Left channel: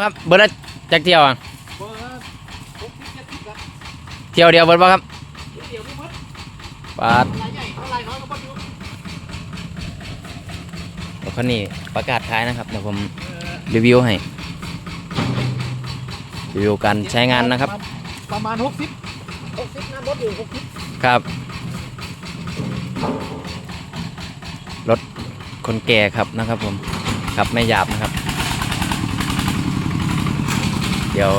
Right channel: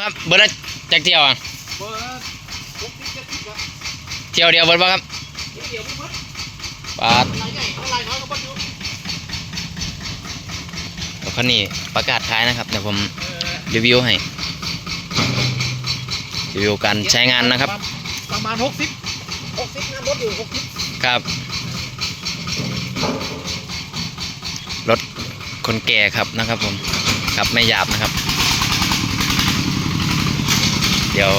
ครับเบิร์ดละจักเที่ยวอะเบอร์หกสิบเจ็ดสิบครับเที่ยวเดียวเบิร์ดป่ะครับเดี๋ยวไม่พดปาดลายใหญ่เท่าลายน้อยก็พดอยู่รถคันนี้ประกาศขายนะครับเดี๋ยวผมเออรีวิวให้รีวิวการใช้งานนะครับ ประมาณหกสิบหกสิบงานรถอยู่หกสิบครับรถคนแก่ครับนะครับผมขับไม่หยาบนะครับ เดี๋ยว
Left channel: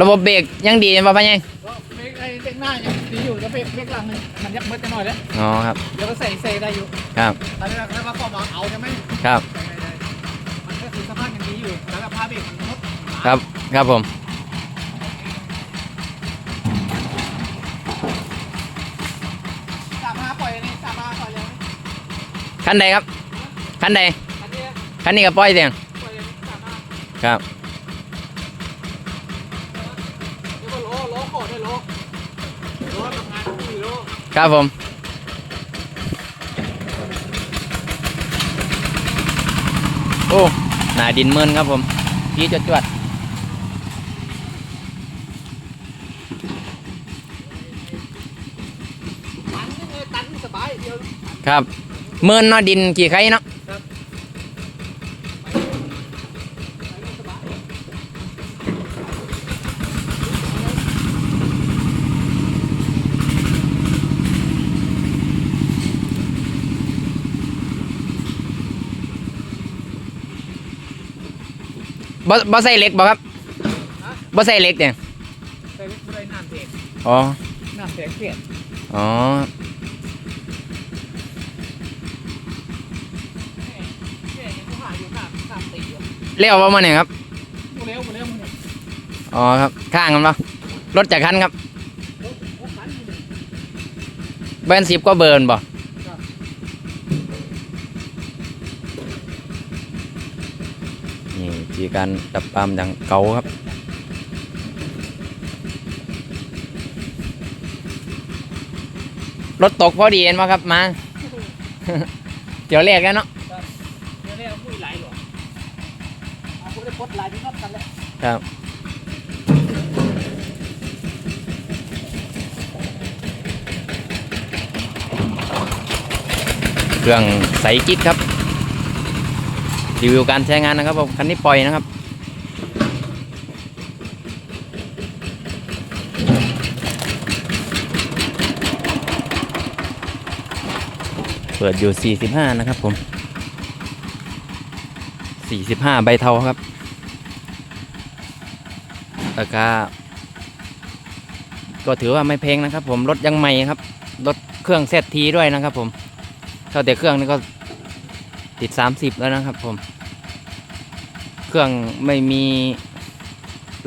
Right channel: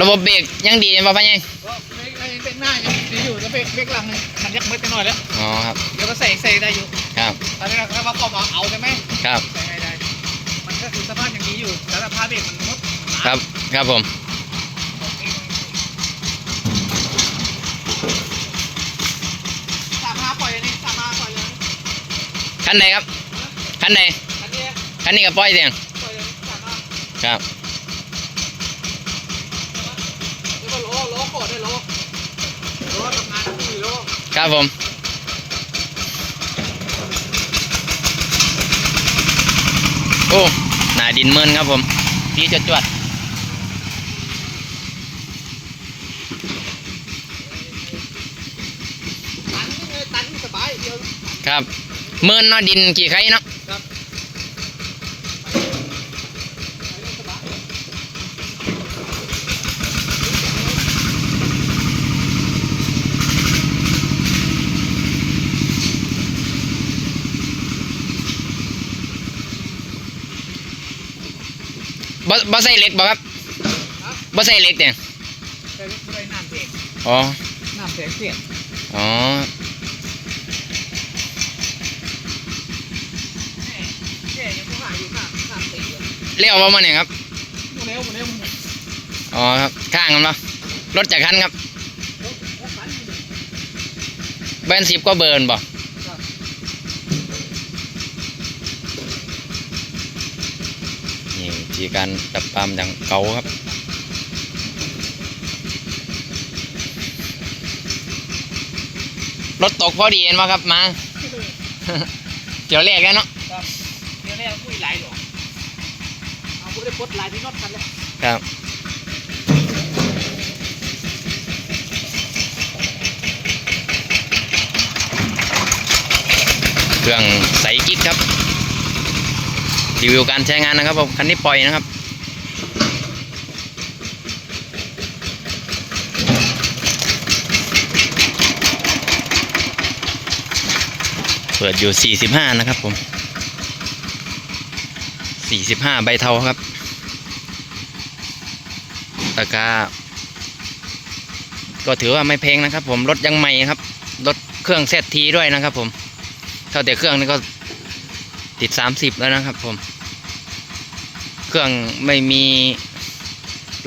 ระบบเบรกยังดีป่ะพ่อยังก็เบรกไอ้เบรกหน้ายังดีอยู่แล้วเบรกเบรกหลังมันยักเบิดกันหน่อยแล้วอ๋อครับ เดี๋ยวก็ใส่ใส่ได้อยู่ครับตอนนี้ถ้าเขาเข้ามาเอากันไหมครับใส่ไม่ได้มันก็คือสภาพยังดีอยู่แล้วสภาพเบรกมันก็ครับครับผมสามห้าปล่อยอันนี้สามห้าปล่อยเลยคันใดครับคันใดอันนี้ คันนี้กับป้อยเสียงปล่อยอันนี้สามห้าครับเดี๋ยวก็โลโลโคตรได้โลโลทำงานสี่โลครับผมโอ้หนาดินเมินครับผมพี่จะจวดตันนี่เลยตันนี่สบายเดียวครับเมินเนาะดินกี่ไข่เนาะ ครับสบาย บ่บ่ใส่เหล็กบ่ครับฮะบ่ใส่เหล็กเนี่ยแต่ไม่ได้น้ำเปียกอ๋อน้ำเปียกเปียกอ๋อแก่ยังไม่มาอยู่น้ำน้ำเปียกอยู่เลี้ยวประมาณไหนครับเร็วเร็วเร็วอ๋อครับข้างกันปะรถจากคันครับรถรถฝันอยู่นี่แบนสิบก็เบิร์นบ่ ครับ นี่วิ ธีการดับปาล์มดังเก่าครับรถตกพอดีเห็นไหมครับมาเดี๋ยวแรกแล้วเนาะเดี๋ยวเนี่ยคุยหลหรอกเอาคุณได้ปลดหลายที่นอดกันแล้วครับเครื่องใสกิ๊กครับ รีวิวการใช้งานนะครับผมคันนี้ปล่อยนะครับเปิดอยู่ 45 นะครับผม 45 ใบเทาครับ ราคา ก็ถือว่าไม่แพงนะครับผม รถยังใหม่ครับ รถเครื่องเซตทีด้วยนะครับผม เท่าแต่เครื่องนี่ก็ ติด 30 แล้วนะครับผม เครื่องไม่มี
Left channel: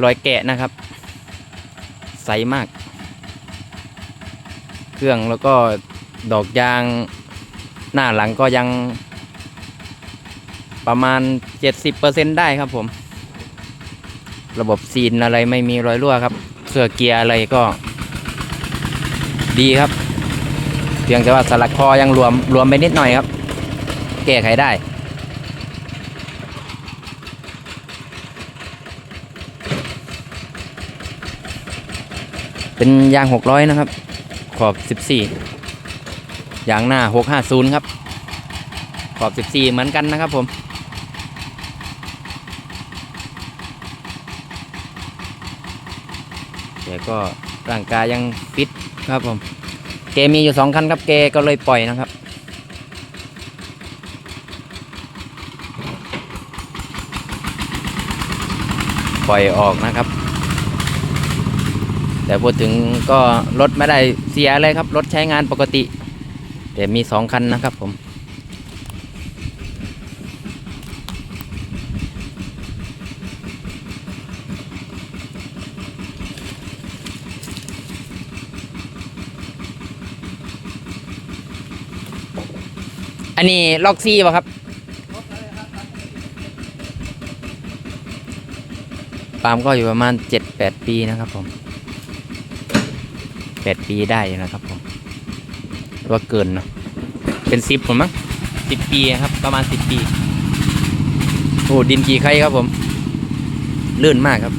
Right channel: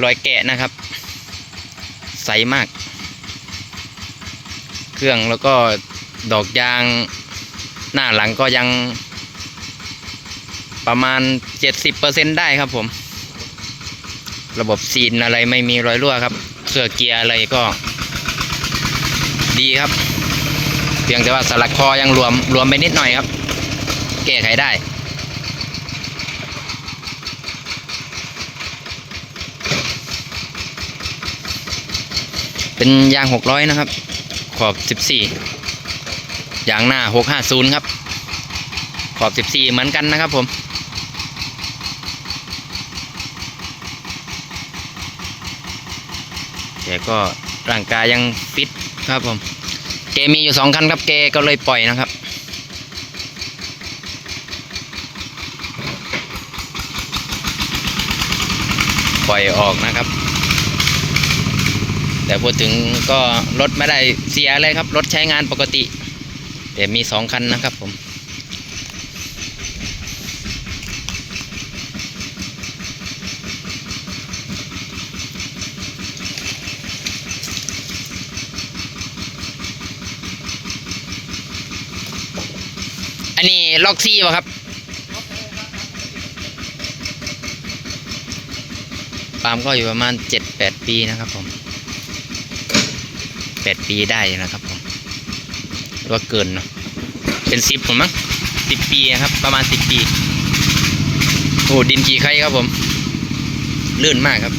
รอยแกะนะครับ ใสมาก เครื่องแล้วก็ดอกยางหน้าหลังก็ยังประมาณ 70%ได้ครับผม ระบบซีนอะไรไม่มีรอยรั่วครับ เสื้อเกียร์อะไรก็ดีครับ เพียงแต่ว่าสลักคอยังรวมรวมไปนิดหน่อยครับ แก้ไขได้ เป็นยาง 600 นะครับ ขอบ 14 ยางหน้า 650 ครับ ขอบ 14 เหมือนกันนะครับผมแกก็ร่างกายยังฟิตครับผม เกมีอยู่สองคันครับเกก็เลยปล่อยนะครับ ปล่อยออกนะครับ แต่พูดถึงก็รถไม่ได้เสียเลยครับ รถใช้งานปกติ แต่มีสองคันนะครับผมอันนี้ล็อกซี่ป่ะครับ ปาล์มก็อยู่ประมาณเจ็ดแปดปีนะครับผมแปดปีได้นะครับผมว่าเกินเนาะเป็นสิบผมมั้งสิบปีครับประมาณสิบปี โอ้ดินกี่ไข่ครับผม ลื่นมากครับ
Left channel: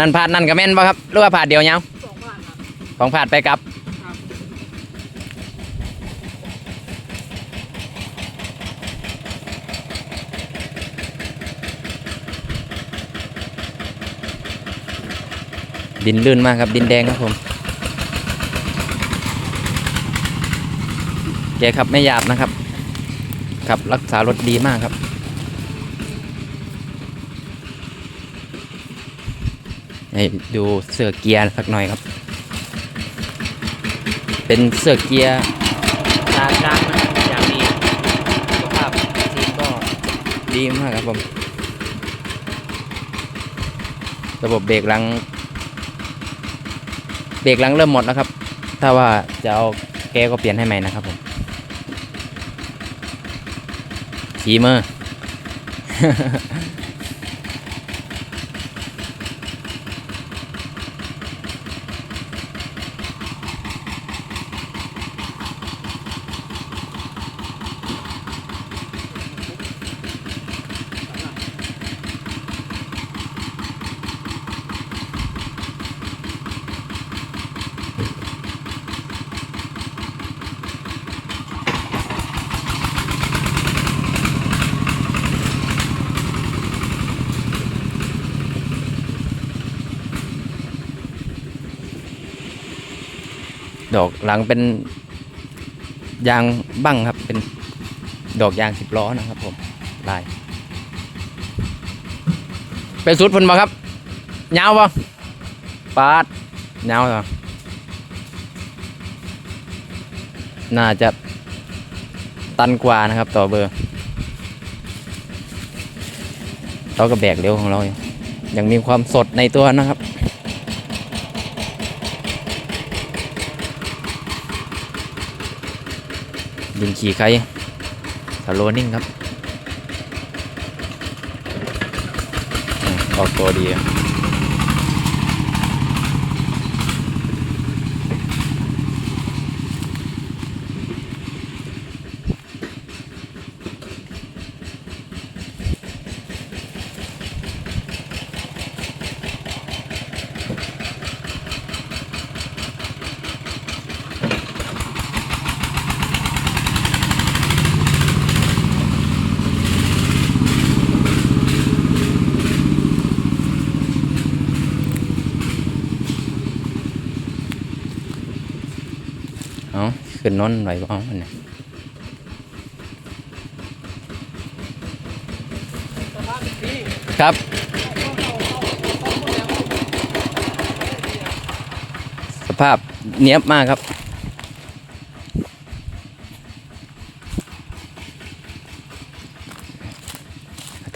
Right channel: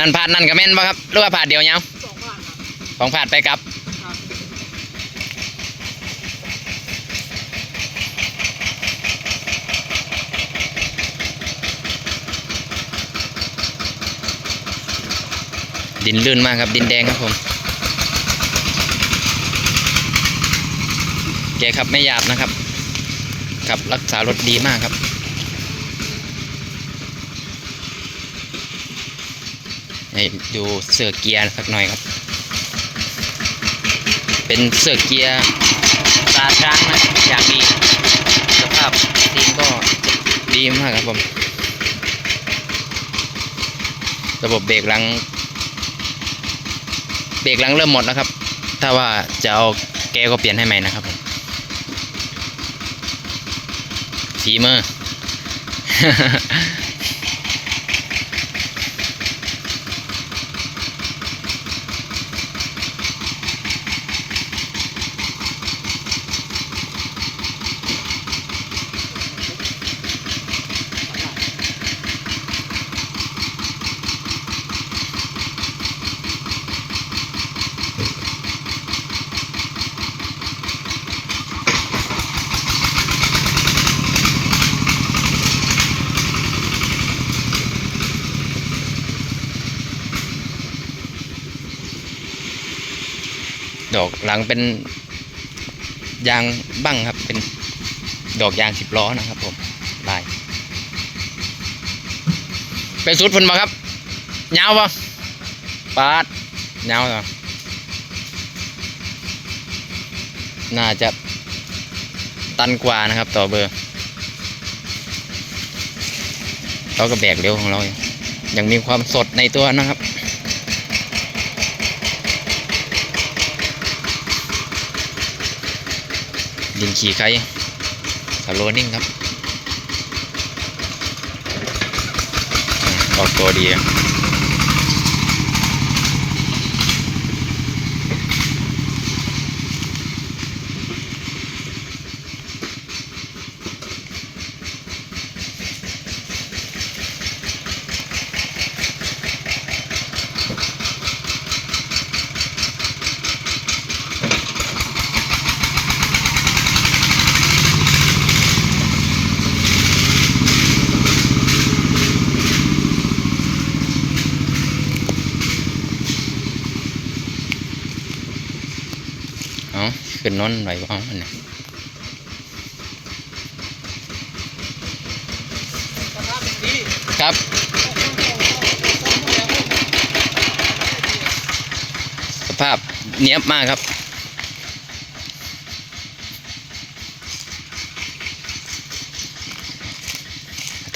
นั่นผ่านนั่นกับแม่นป่ะครับหรือว่าผ่านเดียวยังสองบ้านครับของผ่านไปกับครับดินลื่นมากครับดินแดงครับผม แกขับไม่หยาบนะครับขับรักษารถดีมากครับ ให้ดูเสื้อเกียร์สักหน่อยครับ เป็นเสื้อเกียร์ตาช้างนะอย่างดีสภาพซีนก็ดีมากครับผม ระบบเบรกหลัง เบรกหลังเริ่มหมดแล้วครับ ถ้าว่าจะเอาแกก็เปลี่ยนให้ใหม่นะครับผมฝีเมือ ดอกหลังเป็นยางบั้งครับ เป็นดอกยางสิบล้อนะครับผมลายเป็นสุดพุ่นมาครับยาวปะปาดยาวเหรอน่าจะตันกว่านะครับ ต่อเบอร์เราก็แบกเร็วของเราอยู่ยังมีความสดในตัวนะครับ ดินขี่ไข่สโลนิ่งครับ อออกตัวดี ขึ้นนอนหน่อยบ่เอาอันะ ครับ สภาพเนี้ยบมากครับ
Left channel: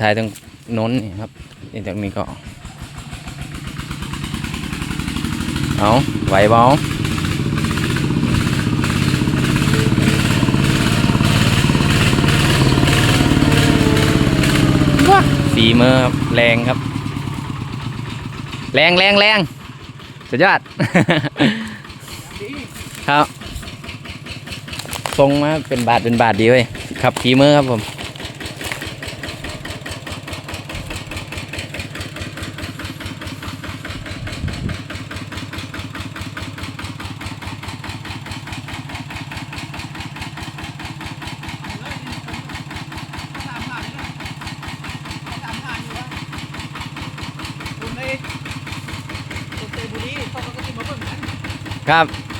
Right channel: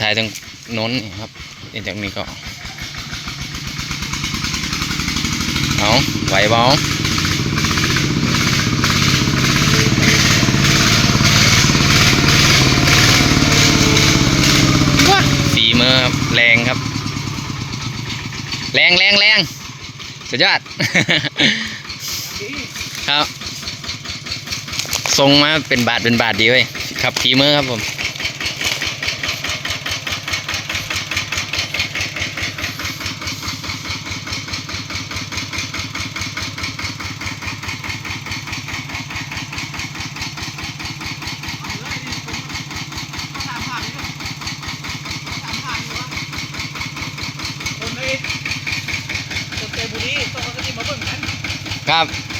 ถ่ายตรงน้นครับจากนี้ก็เอาไหวบ้าฝี มือแรงครับ แรงแรงแรงสุดยอด ครับทรงมาเป็นบาทเป็นบาทดีเว้ยขับฝีมือครับผม คนไอ้คนเตยบุรีต้องมาที่มาเบิ่งกัน ครับ